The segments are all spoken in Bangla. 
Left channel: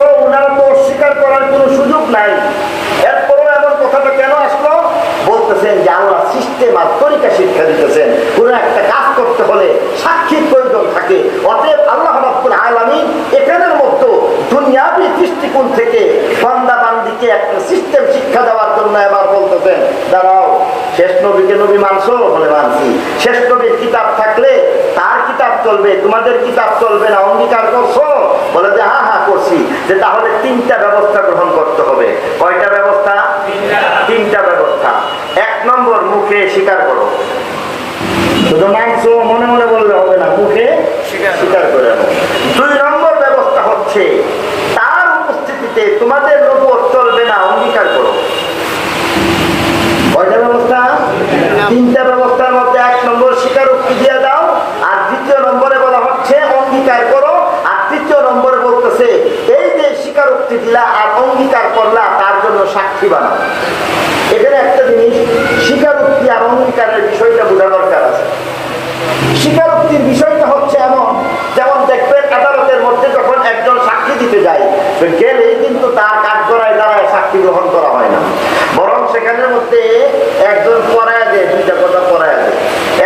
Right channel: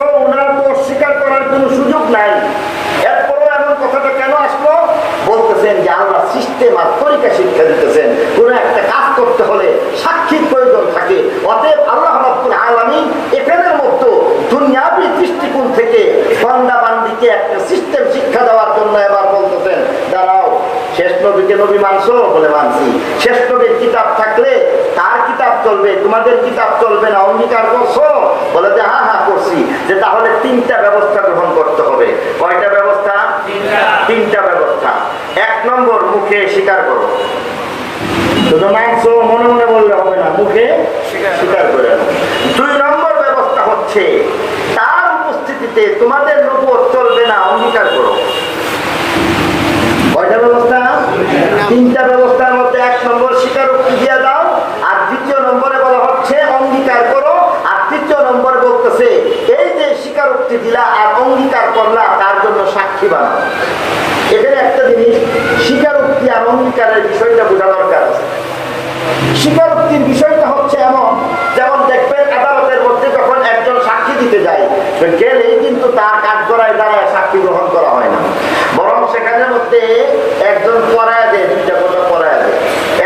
ওনারা করার কোনো সুযোগ নাই। এরপরও এমন কথাটা কেন আসলো? বলতেছেন যে আল্লাহ সিস্টেম আর তরিকা শিক্ষা দিতেছেন। কোনো একটা কাজ করতে হলে সাক্ষীর প্রয়োজন থাকে। অতএব আল্লাহ রাব্বুল আলামিন এখানের মতো দুনিয়াবি দৃষ্টিকোণ থেকে বান্দা বান্দিকে একটা সিস্টেম শিক্ষা দেওয়ার জন্য এবার বলতেছেন, দাঁড়াও শেষ নবীকে নবী মানছো বলে মানছি। শেষ নবীর কিতাব থাকলে তার কিতাব চলবে তোমাদের কিতাব চলবে না অঙ্গীকার করছ বলে যে হা হা করছি। যে তাহলে তিনটা ব্যবস্থা গ্রহণ করতে হবে। কয়টা ব্যবস্থা? তিনটা। ব্যবস্থা। এক নম্বর মুখে স্বীকার করো। শুধু মাংস মনে মনে বললে হবে না মুখে স্বীকার করে নাও। দুই নম্বর ব্যবস্থা হচ্ছে তার উপস্থিতিতে তোমাদের নবুয়ত চলবে না অঙ্গীকার করো কয়টা ব্যবস্থা তিনটা ব্যবস্থার মধ্যে এক নম্বর স্বীকারোক্তি দিয়ে দাও আর দ্বিতীয় নম্বরে বলা হচ্ছে অঙ্গীকার করো আর তৃতীয় নম্বরে বলতেছে এই যে স্বীকারোক্তি দিলা আর অঙ্গীকার করলা তার জন্য সাক্ষী বানাও এখানে একটা জিনিস স্বীকারোক্তি আর অঙ্গীকারের বিষয়টা বোঝা দরকার আছে স্বীকারোক্তির বিষয়টা হচ্ছে এমন, যেমন দেখবেন আদালতের মধ্যে যখন একজন সাক্ষী দিতে যায়, তো গেলেই কিন্তু তার কাজ করায় দ্বারা সাক্ষী গ্রহণ করা হয় না। বরং সেখানের মধ্যে একজন পড়ায় দেয়, দুইটা কথা পড়ায় দেয়।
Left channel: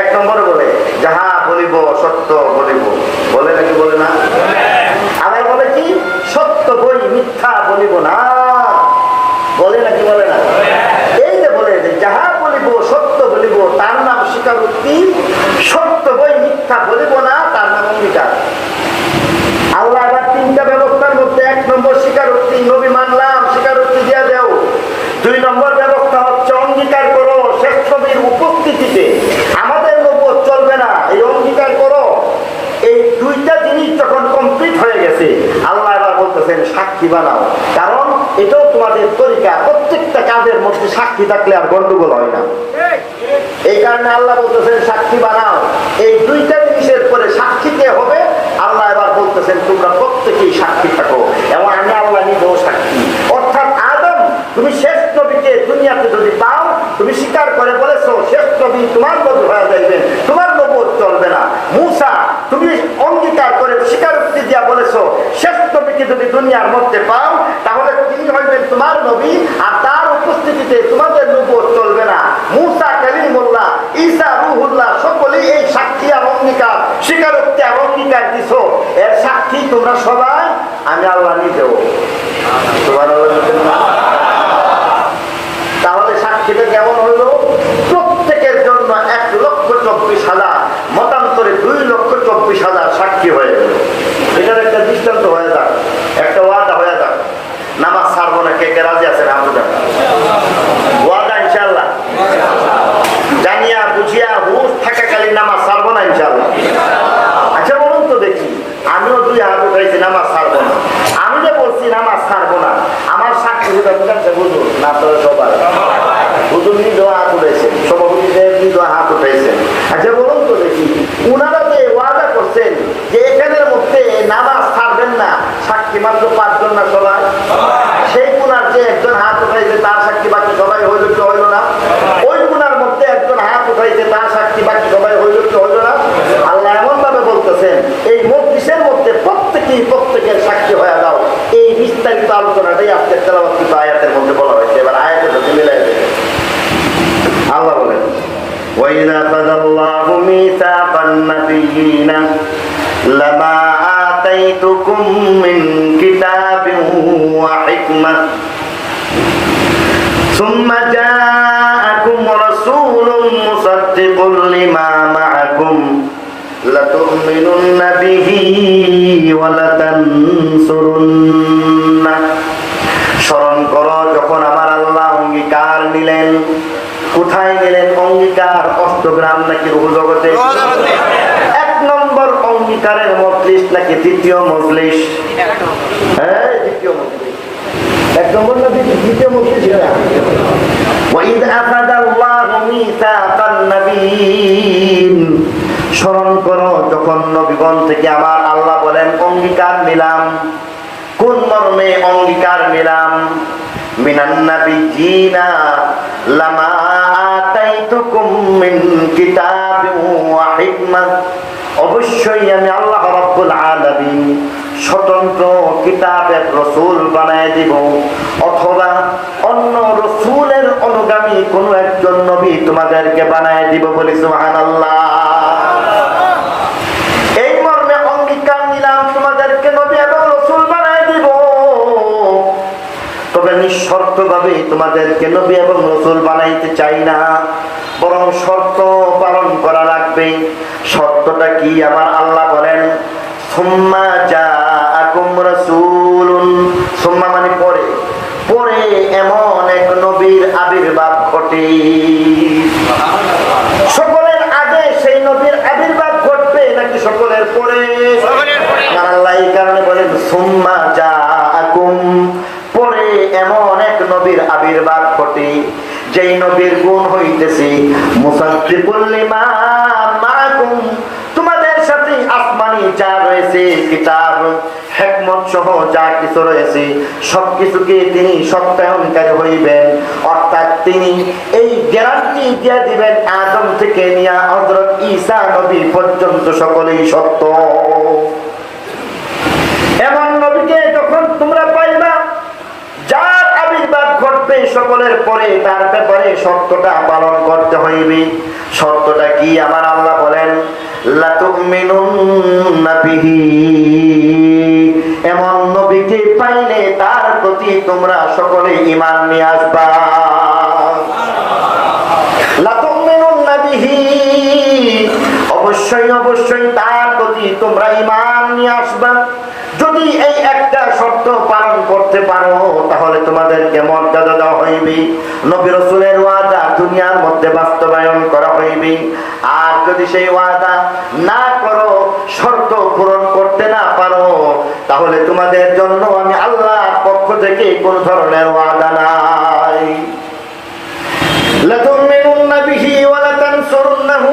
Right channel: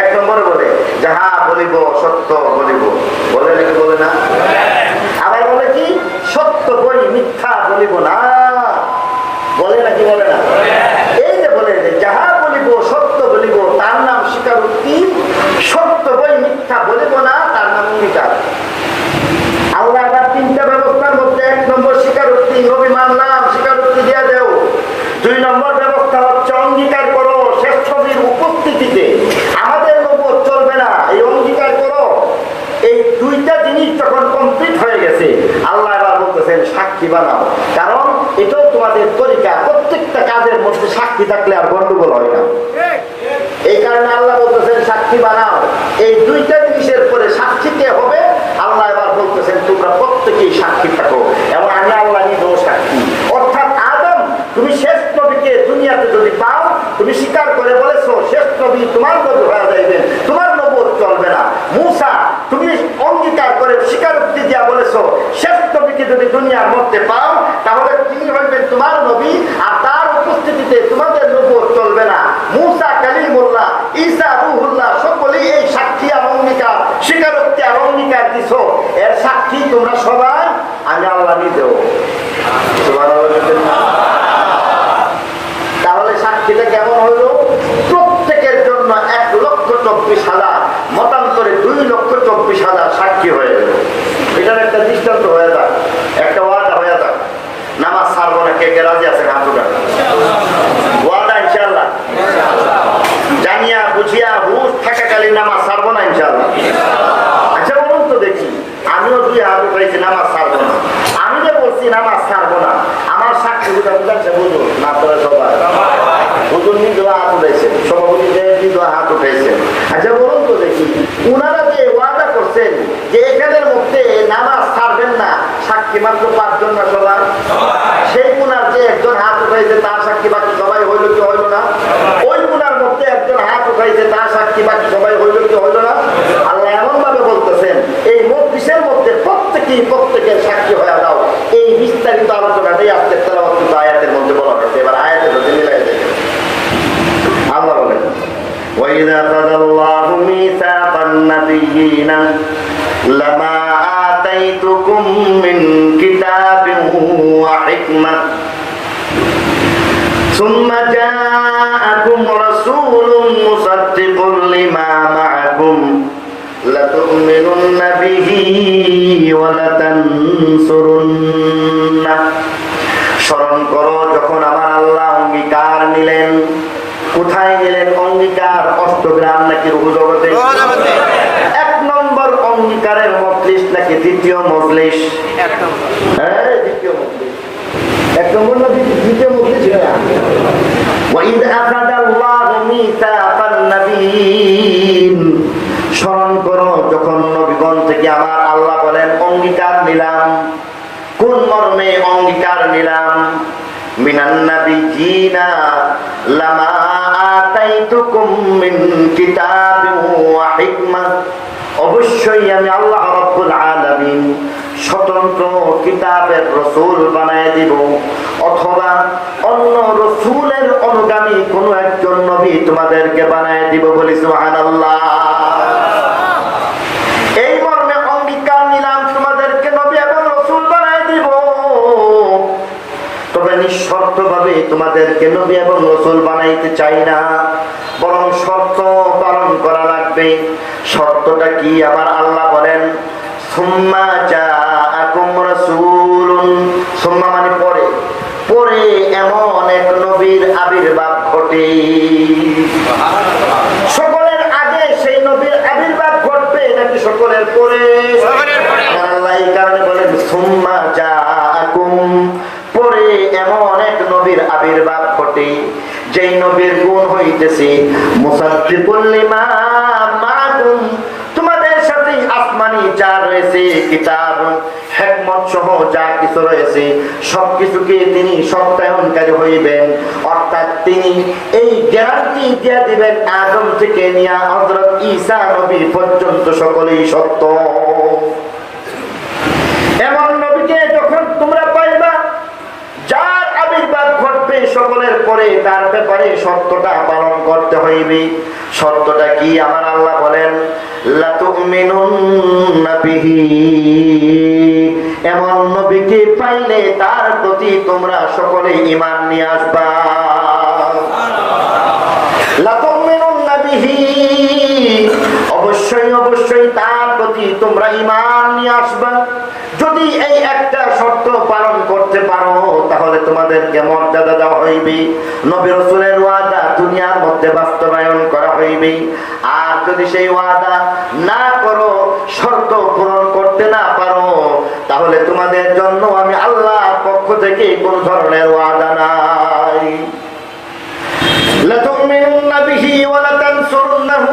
এক নম্বরে বলে, যাহা বলিব সত্য বলিব। বলে নাকি বলে না আবার বলে কি সত্য বই মিথ্যা বলিব না বলে নাকি বলে না এই যে বলে যে যাহা বলিব সত্য বলিব তার নাম স্বীকারোক্তি সত্য বই মিথ্যা বলিব না, তার নাম অঙ্গীকার। আল্লাহ আবার তিনটা ব্যবস্থার মধ্যে এক নম্বর স্বীকারোক্তি, নবী মানলাম স্বীকারোক্তি দিয়ে দেও। দুই নম্বর ব্যবস্থা হচ্ছে অঙ্গীকার করো শেষ নবীর উপস্থিতিতে। আমাদের নবুয়ত চলবে না, এই অঙ্গীকার করো। এই দুইটা জিনিস যখন কমপ্লিট হয়ে গেছে, আল্লাহ এবার বলতেছেন, সাক্ষী বানাও। কারণ এটাও তোমাদের তরিকা, প্রত্যেকটা কাজের মধ্যে সাক্ষী থাকলে আর গন্ডগোল হয় না। এই কারণে আল্লাহ বলতেছেন সাক্ষী বানাও। এই দুইটা জিনিসের পরে সাক্ষী কে হবে? আল্লাহ এবার বলতেছেন, তোমরা প্রত্যেকেই সাক্ষী থাকো এবং আমি আল্লাহ নিজেও সাক্ষী। অর্থাৎ আদম, তুমি শেষ নবীকে দুনিয়াতে যদি পাও, তুমি স্বীকার করে বলেছ, শেষ নবী তোমার নবী হয়ে যাইবেন তোমার নবুয়ত চলবে না। মুসা, তুমি অঙ্গীকার করে স্বীকার স্বীকারোক্তি দিয়া বলেছ, শেষ নবীকে যদি দুনিয়ার মধ্যে পাও, তাহলে তিনি হইবেন তোমার নবী আর তার উপস্থিতিতে তোমাদের নবুয়ত চলবে না মুসা কালিমুল্লাহ ঈসা রুহুল্লাহ সকলেই এই সাক্ষী আর অঙ্গীকার স্বীকারোক্তি আর অঙ্গীকার দিছো এর সাক্ষী তোমরা সবাই আমি আল্লাহ নিজেও তাহলে সাক্ষীটা কেমন হলো প্রত্যেকের জন্য এক লক্ষ চব্বিশ হাজার মতান্তরে দুই লক্ষ চব্বিশ হাজার সাক্ষী হয়ে গেল এটার একটা দৃষ্টান্ত হয়ে যাক একটা ওয়াদা হয়ে যাক নামাজ ছাড়বো না কে কে রাজি আছে রাজুটা ওয়াদা ইনশাল্লাহ জানিয়া বুঝিয়া হুশ থাকাকালীন নামাজ ছাড়বো না ইনশাল্লাহ আচ্ছা বলুন তো দেখি আমিও দুই হাত উঠাইছি নামাজ ছাড়বো না আমি যে বলছি নামাজ ছাড়বো না আমার সাক্ষী দুটা বুঝাচ্ছে বুঝুন না তোরা সবার হুজুর নিজেও হাত উঠাইছেন সভাপতি সাহেব নিজেও হাত উঠাইছেন আচ্ছা বলুন তো দেখি উনারা যে ওয়াদা করছেন যে এখানের মধ্যে নামাজ ছাড়বেন না সাক্ষী মাত্র পাঁচজন না সবাই সেই কুনার যে একজন হাত উঠাইছে তার সাক্ষী বাকি সবাই হইল কি হইল না ওই কুনার মধ্যে একজন হাত উঠাইছে তার সাক্ষী বাকি সবাই হইল কি হইল না আল্লাহ এমন ভাবে বলতেছেন এই মজলিসের মধ্যে প্রত্যেকেই প্রত্যেকের সাক্ষী হয়ে দাও এই বিস্তারিত আলোচনাটাই আজকে তেলাওয়াত আয়াতের মধ্যে বলা হয়েছে এবার আয়াতের সাথে মিলাই দেবেন আল্লাহ বলেন وإذا أخذ الله ميثاق النبيين لما آتيتكم من كتاب وحكمة ثم جاءكم رسول مصدق لما معكم لتؤمنن به ولتنصرن স্মরণ করো যখন আমার আল্লাহ অঙ্গীকার নিলেন কোথায় নিলেন অঙ্গীকার অষ্টগ্রাম নাকি রুজগতে এক নম্বর অঙ্গীকারের মজলিস নাকি দ্বিতীয় মজলিস হ্যাঁ দ্বিতীয় মজলিস এক নম্বর না দ্বিতীয়- দ্বিতীয় মজলিস না وَإِذْ أَخَذَ اللَّهُ مِيثَاقَ النَّبِيِّينَ স্মরণ করো যখন নবীগণ থেকে আমার আল্লাহ বলেন অঙ্গীকার নিলাম কোন মর্মে অঙ্গীকার নিলাম মিনান নাবিয়িনা লামা আতাইতুকুম মিন কিতাবিন ওয়া হিকমা অবশ্যই আমি আল্লাহ রাব্বুল আলামিন স্বতন্ত্র কিতাবের রসুল বানায় দিব, অথবা অন্য রসুলের অনুগামী কোন একজন নবী তোমাদেরকে বানায় দিব বলি সুবহানাল্লাহ। এই মর্মে অঙ্গীকার নিলাম তোমাদেরকে নবী এবং রসুল বানায় দিব। তবে নিঃশর্ত ভাবে তোমাদেরকে নবী এবং রসুল বানাইতে চাই না। বরং শর্ত পালন করা লাগবে। শর্তটা কি? আমার আল্লাহ বলেন সুম্মা জাআকুম রাসূলুন। সুম্মা মানে পরে। পরে এমন এক নবীর আবির্ভাব ঘটে। সকলের আগে সেই নবীর আবির্ভাব ঘটবে নাকি সকলের পরে? আল্লাহ এই কারণে বলেন সুম্মা জাআকুম। পরে এমন এক নবীর আবির্ভাব ঘটে। যেই নবীর গুণ হইতেছে তোমাদের সাথে আসমানি যা রয়েছে, কিতাব, হেকমত সহ যা কিছু রয়েছে তিনি সত্যায়নকারী হইবেন। অর্থাৎ তিনি এই গ্যারান্টি দিয়ে দিবেন আদম থেকে নিয়ে হযরত ঈসা নবী পর্যন্ত সকলেই সত্য। এমন নবীকে যখন তোমরা পাইবা সকলের পরে তার ব্যাপারে সত্যটা পালন করতে হইবে। শর্তটা কি? আমার আল্লাহ বলেন এমন নবীকে পাইলে তার প্রতি তোমরা সকলে ইমান নিয়ে আসবা লাতুমিনুন্না বিহি অবশ্যই অবশ্যই তার প্রতি তোমরা ঈমান নিয়ে আসবা যদি এই একটা শর্ত পালন করতে পারো তাহলে তোমাদেরকে মর্যাদা দেওয়া হইবে নবী রসুলের ওয়াদা দুনিয়ার মধ্যে বাস্তবায়ন করা হইবে আর যদি সেই ওয়াদা না করো শর্ত পূরণ করতে না পারো তাহলে তোমাদের জন্য আমি আল্লাহর পক্ষ থেকে কোন ধরনের ওয়াদা নাই لتؤمنن به ولتنصرنه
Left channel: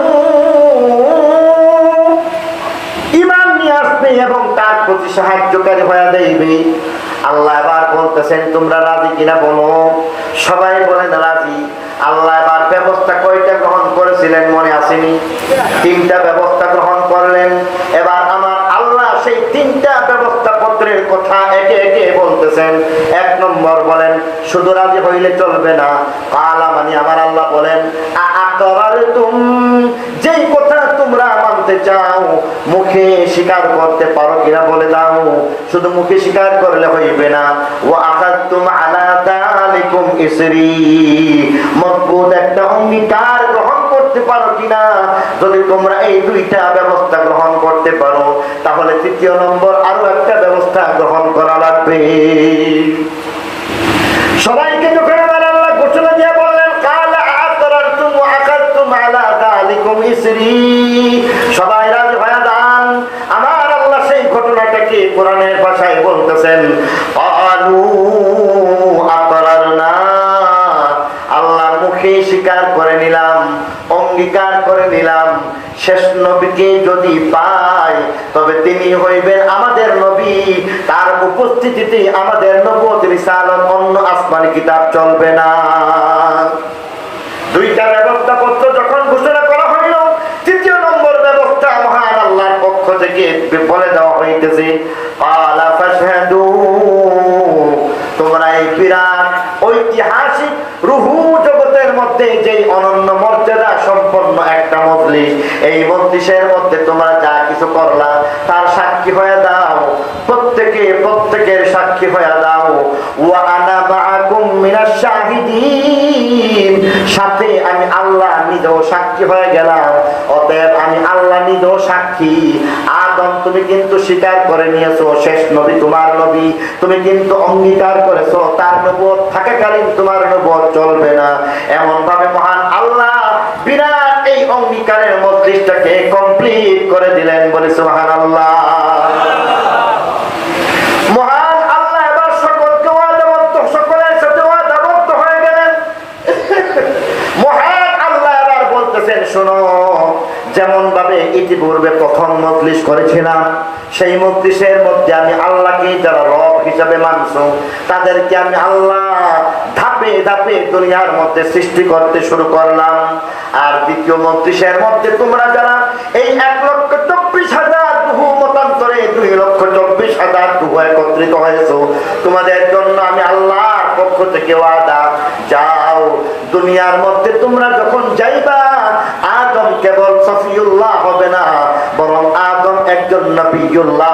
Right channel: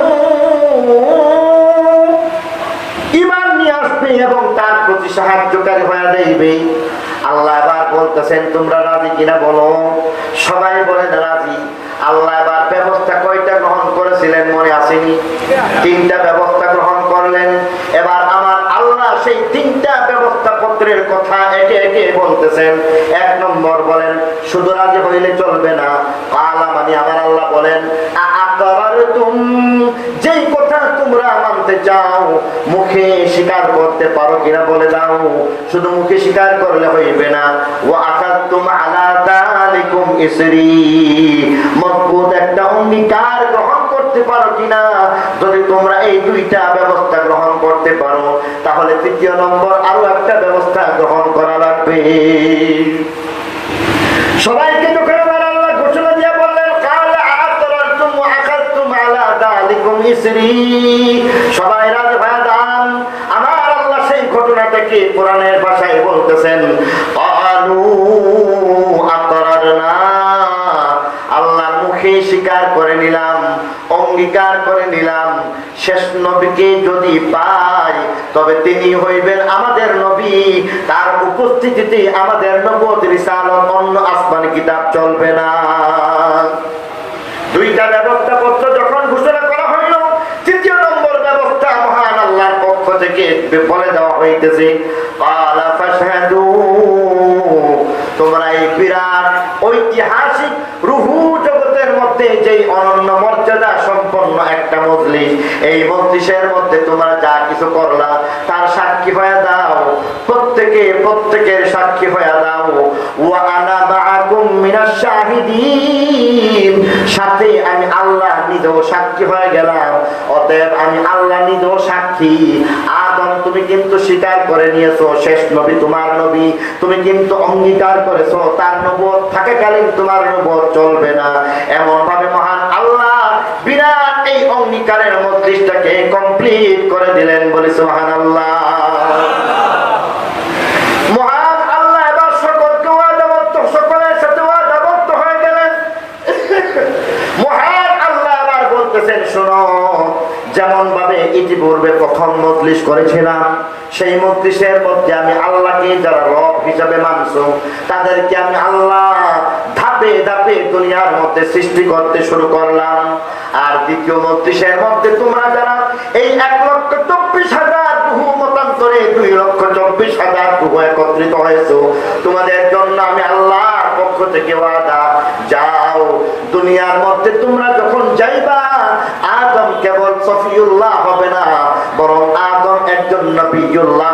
ইমান নিয়ে আসবে এবং তার প্রতি সাহায্যকারী হয়ে যাইবে আল্লাহ এবার বলতেছেন তোমরা রাজি কিনা বলো সবাই বলেন রাজি আল্লাহ এবার ব্যবস্থা কয়টা গ্রহণ করেছিলেন মনে আসেনি। তিনটা ব্যবস্থা গ্রহণ করলেন। এবার আমার আল্লাহ সেই তিনটা ব্যবস্থা পত্রের কথা একে একে বলতেছেন। এক নম্বর বলেন, শুধু রাজি হইলে চলবে না। পালা মানে আমার আল্লাহ বলেন যেই কথা তোমরা মানতে চাও, মুখে স্বীকার করতে পারো কিনা বলে দাও। শুধু মুখে স্বীকার করলে হইবে না। ও আকার তুম আলা তালিকুম ইসরি। মজবুত একটা অঙ্গীকার গ্রহণ করতে পারো কিনা যদি তোমরা এই দুইটা ব্যবস্থা গ্রহণ করতে পারো, তাহলে তৃতীয় নম্বর আরও একটা ব্যবস্থা গ্রহণ করা লাগবে। সবাইকে যখন আল্লাহ ঘোষণা দিয়ে বললেন, কাল আকরারতুম ওয়া আকাদতুম আলা যালিকুম ইসরি। সবাই রাজি হয়ে আমার আল্লাহ সেই ঘটনাটাকে কোরআনের ভাষায় বলতেছেন ক্বালু স্বীকার করে নিলাম, অঙ্গীকার করে নিলাম। শেষ নবীকে যদি পাই, তবে তিনি হইবেন আমাদের নবী। তার উপস্থিতিতে আমাদের নবত রিসালত, অন্য আসমানি কিতাব চলবে না। দুইটা ব্যবস্থা পত্র যখন ঘোষণা করা হইল, তৃতীয় নম্বর ব্যবস্থা মহান আল্লাহর পক্ষ থেকে বলে দেওয়া হইতেছে এই মজলিসের মধ্যে তোমরা যা কিছু করলা, তার সাক্ষী হয়ে দাও। প্রত্যেকে, প্রত্যেকের সাক্ষী হয়ে দাও। তুমি কিন্তু স্বীকার করে নিয়েছো, শেষ নবী তোমার নবী। তুমি কিন্তু অঙ্গীকার করেছ, তার নবত থাকাকালীন তোমার নবত চলবে না। এমন ভাবে মহান আল্লাহ বিরাট এই অঙ্গীকারের মজলিসটাকে কমপ্লিট করে দিলেন বলেছে মহান আল্লাহ শোনো যেমন ভাবে প্রথম করেছিলাম, সেই মধ্যে আমি আল্লাহকে যারা হিসাবে তাদেরকে আমি আল্লাহ ধাপে দুনিয়ার মধ্যে সৃষ্টি করতে শুরু করলাম। আর দ্বিতীয় মন্ত্রিসের মধ্যে তোমরা যারা এই এক লক্ষ চব্বিশ হাজার বহু মতান্তরে দুই লক্ষ চব্বিশ হাজার বহু একত্রিত হয়েছ, তোমাদের জন্য আমি আল্লাহর পক্ষ থেকে ওয়াদা, যাও। দুনিয়ার মধ্যে তোমরা যখন যাইবা, আদম কেবল সফিউল্লাহ হবে না, বরং আদম একজন নবীউল্লাহ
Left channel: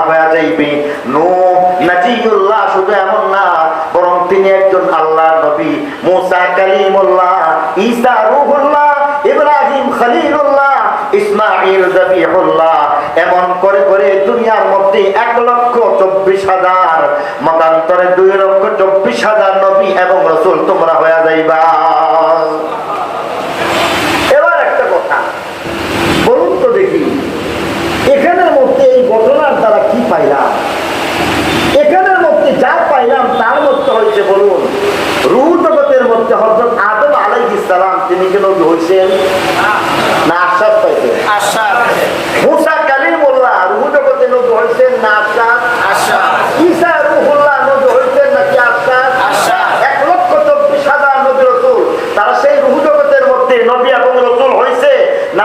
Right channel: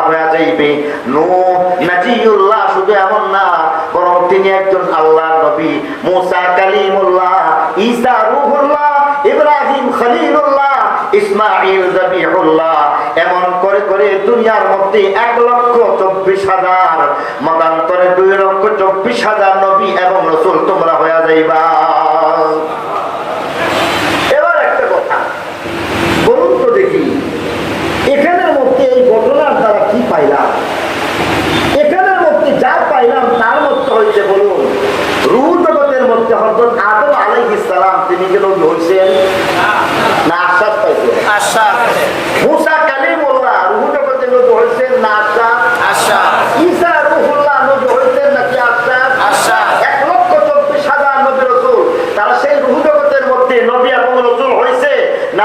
ঈসা রুহুল্লাহ ইব্রাহিম খলিলুল্লাহ ইসমাইল এমন করে করে দুনিয়ার মধ্যে এক লক্ষ চব্বিশ হাজার, মতান্তরে দুই লক্ষ চব্বিশ হাজার নবী এবং রসুল তোমরা হয়ে যাইবা।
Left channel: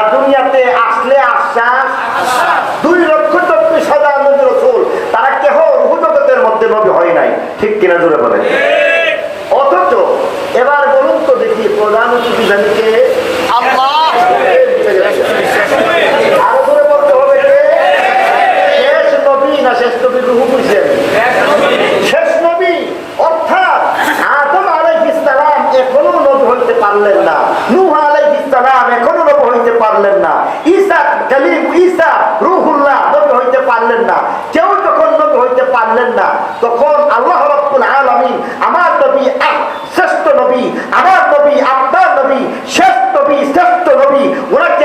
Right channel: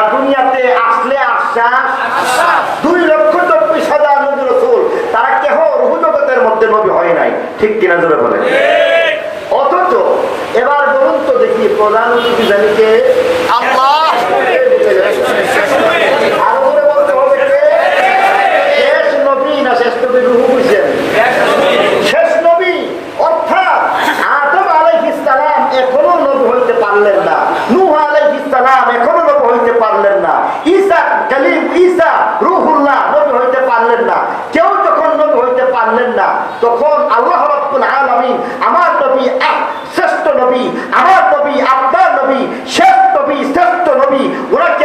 না দুনিয়াতে আসলে আশ্বাস। দুই লক্ষ চব্বিশ হাজার নবী রসুল তারা কেহ রুহু জগতের মধ্যে নবী হয় নাই। ঠিক কিনা জোরে বলে অথচ এবার বলুন তো দেখি প্রধান জানিকে আল্লাহ! ঈসা রুহুল্লাহ নবী হইতে পারলেন না। কেউ যখন নবী হইতে পারলেন না, তখন আল্লাহ রব্বুল আলমিন আমার নবী শ্রেষ্ঠ নবী, আমার নবী আপনার নবী শেষ নবী, শ্রেষ্ঠ নবী, ওনাকে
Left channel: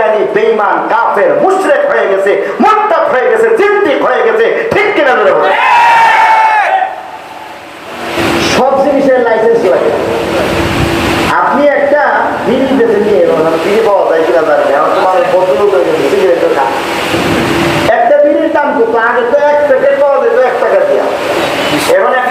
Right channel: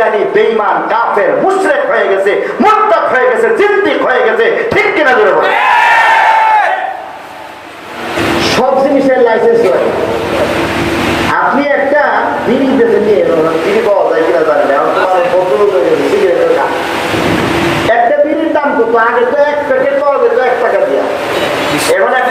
কাদিয়ানি বেঈমান, কাফের, মুশরিক হয়ে গেছে মুরতাদ হয়ে গেছে, জিন্দিক হয়ে গেছে, ঠিক কি কিনা ধরে বলে সব জিনিসের লাইসেন্স লাগে। আপনি একটা বিড়ি বেঁধে নিয়ে এলেন, বিড়ি পাওয়া যায় কিনা জানেন এখন তোমার বোতল সিগারেট দাম একটা বিড়ির দাম কত? আগে তো এক প্যাকেট পাওয়া যেত, এক টাকা দিয়া। এখন এক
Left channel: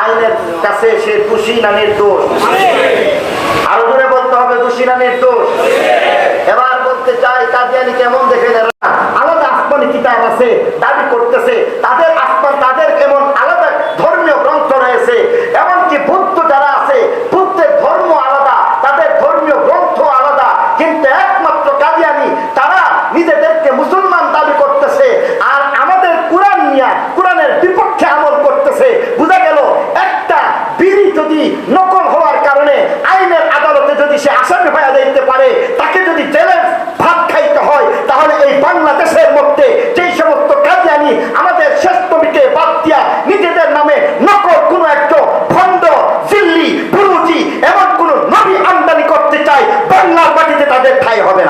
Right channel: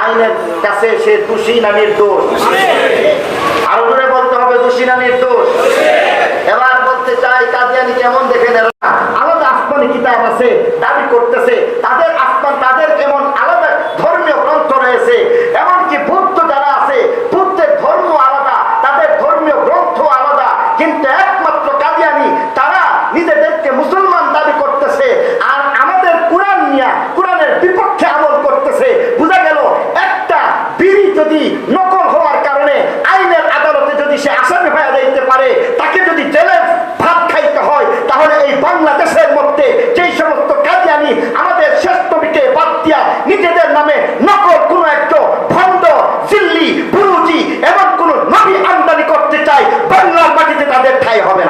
আইনের কাছে সে দোষী না নির্দোষ আরও ধরে বলতে হবে, দোষী না নির্দোষ এবার বলতে চাই কাজিয়ানি কেমন দেখেন এরা? আলাদা আসমানি কিতাব আছে, দাবি করতেছে Callo, joven.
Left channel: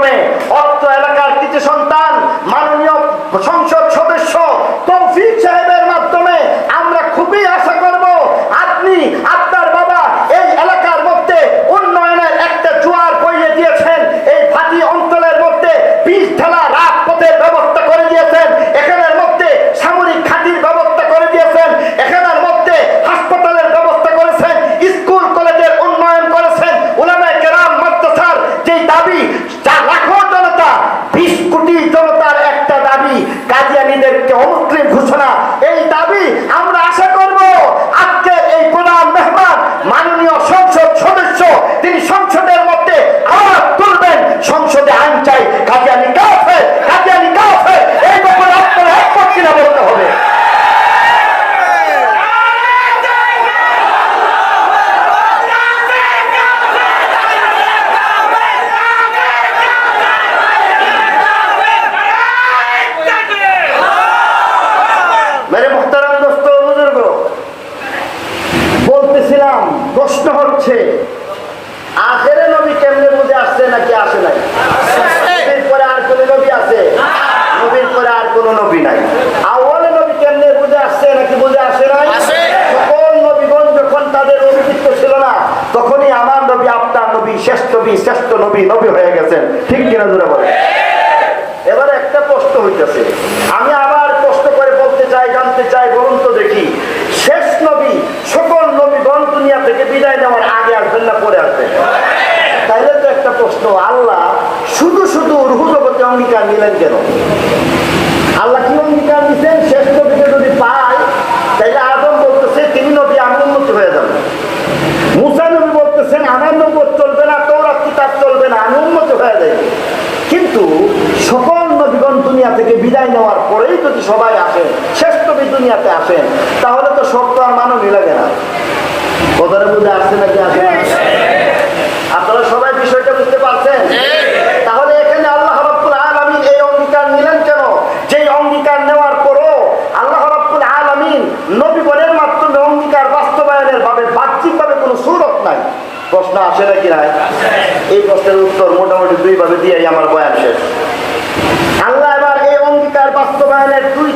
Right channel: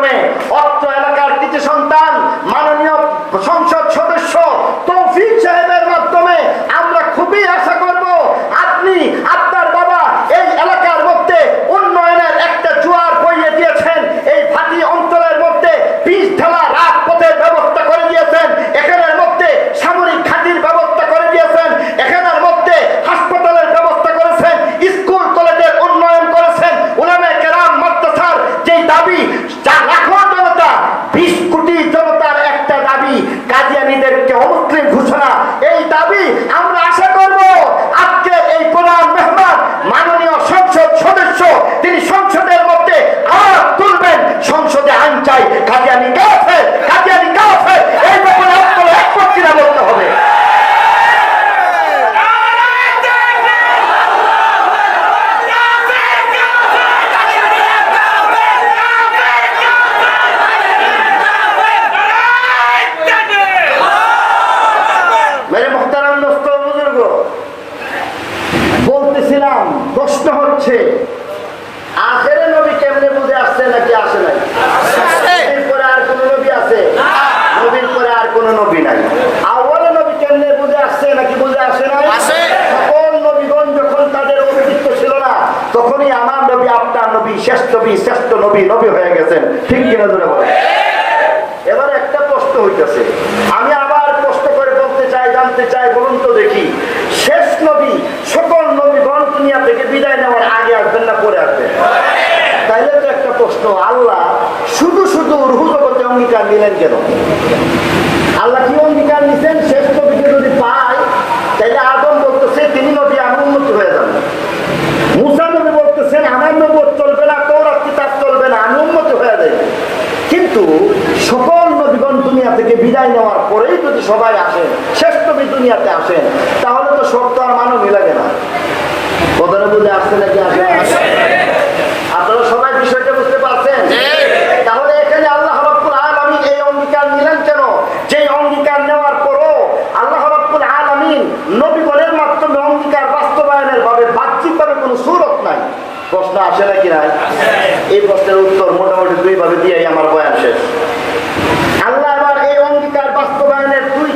মাধ্যমে অর্থ এলাকার কিছু সন্তান চাই কাদিয়ানি কাছে কাদিয়ানি কাছে এই ব্যাপারে আপনারা একমত কিনা বলতে হবে। প্রশ্ন হচ্ছে নবী, শ্রেষ্ঠ নবী নবী হয়ে গেছেন। ঠিক কিনা ধরে বলে এবারে একটা প্রশ্ন হইতেছে। আমি আবার কষ্ট করে বলতে চাই, জানতে চাই, বলুন তো দেখি। শেষ নবী, সকল নবী বন দুনিয়া থেকে বিদায় নেওয়ার আগে আসবেন না পরে আসবেন? তাইলে তো একটা প্রশ্ন, আল্লাহ শুধু শুধু রুহু জগতে অঙ্গীকার নিলেন কেন? আল্লাহ কি অঙ্গীকার নিছেন? সকল নবীগণ দুনিয়া থেকে বিদায় নেওয়ার পরেই যদি সবাই আসেন শেষ নবী দুনিয়াতে আসেন তাহলে তো শক্ত আর মানও মিলাবে না। কোথায় বুঝে আসছে নাকি আসে আপনারা সবাই বিষয়টা বুঝতে পারছেন? তাহলে এখানে আল্লাহ এই অঙ্গীকার কেন? অঙ্গীকার নেওয়ার পরও আল্লাহ অঙ্গীকার বাস্তবায়নের কোনো সুরত নাই। প্রশ্ন আসে নাকি না এই প্রশ্নের উত্তর মোটামুটি দুইভাবে দিয়ে আমার বয়ান শেষ। poder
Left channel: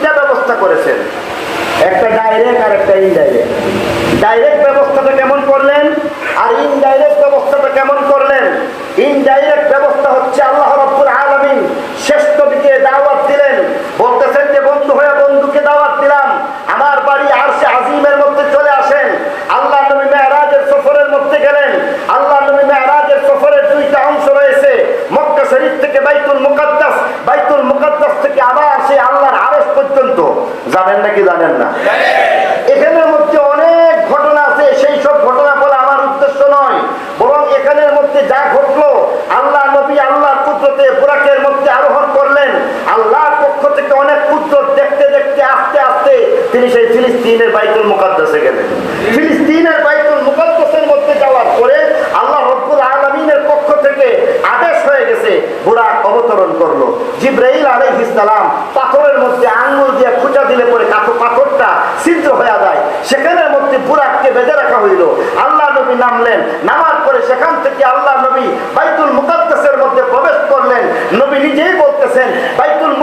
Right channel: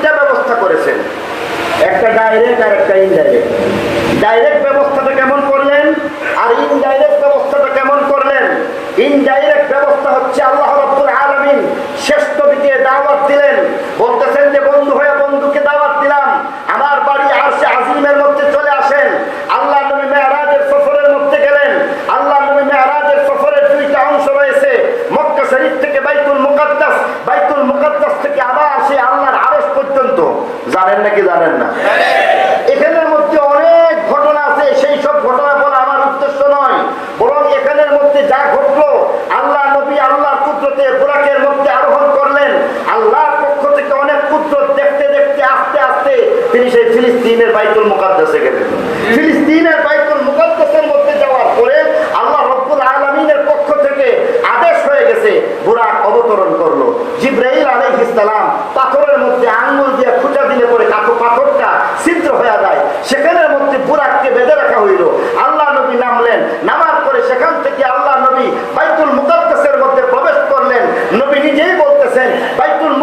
ফিলিস্তিনের বাইতুল মুকাদ্দাসে গেলেন। ফিলিস্তিনের বাইতুল মুকাদ্দাসের মধ্যে যাওয়ার পরে আল্লাহ রব্বুল আলমিনের পক্ষ থেকে আদেশ হয়ে গেছে, বুরাক অবতরণ করল। জিব্রাইল আলাইহিস সালাম পাথরের মধ্যে আঙ্গুল দিয়ে খুঁজা দিলে পরে কাতো পাথরটা ছিদ্র হয়ে যায়। সেখানের মধ্যে বুরাককে বেঁধে রাখা হইল। আল্লাহ নবী নামলেন, নামার পরে সেখান থেকে আল্লাহ নবী বাইতুল মুকাদ্দাসের মধ্যে প্রবেশ করলেন। নবী নিজেই বলতেছেন, বাইতুল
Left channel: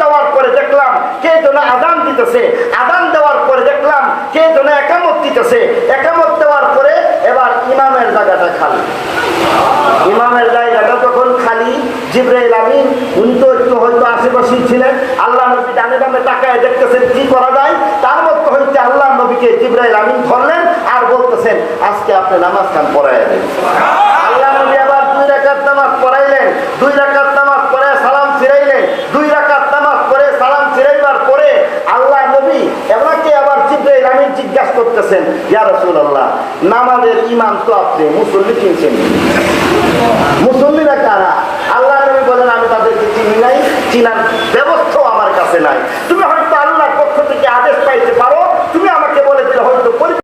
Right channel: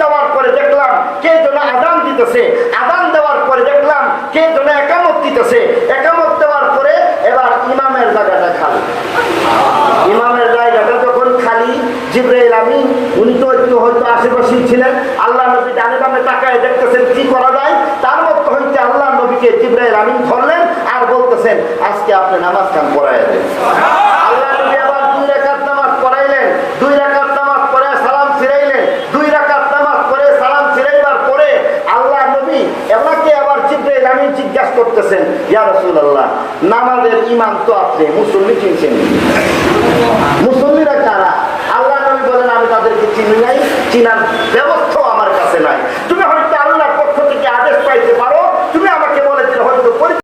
যাওয়ার পরে দেখলাম কে আদান দিতেছে। আদান দেওয়ার পরে দেখলাম কে একামত দিতেছে। একামত দেওয়ার পরে এবার ইমামের জায়গাটা খালি। ইমামের জায়গাটা খালি, জিব্রাইল আমিন, উনি তো একটু হয়তো আশেপাশেই ছিলেন, আল্লাহ নবী ডানে বামে দেখতেছেন কি করা যায়। তার মধ্যে হইতে আল্লাহ নবীকে জিব্রাইল আমিন ধরলেন আর বলতেছেন, আজকে আপনি নামাজ খান পড়াই দেন। বলতেছেন, ইয়া নামাজের ইমাম তো আপনি, মুসল্লি চিনছেন মুসল্লিরা কারা? আল্লাহ নবী বলেন, আমি তাদেরকে চিনি নাই, চিনার ব্যবস্থাও আমার কাছে নাই। তুমি হয়তো আল্লাহর পক্ষ থেকে আদেশ পাইতে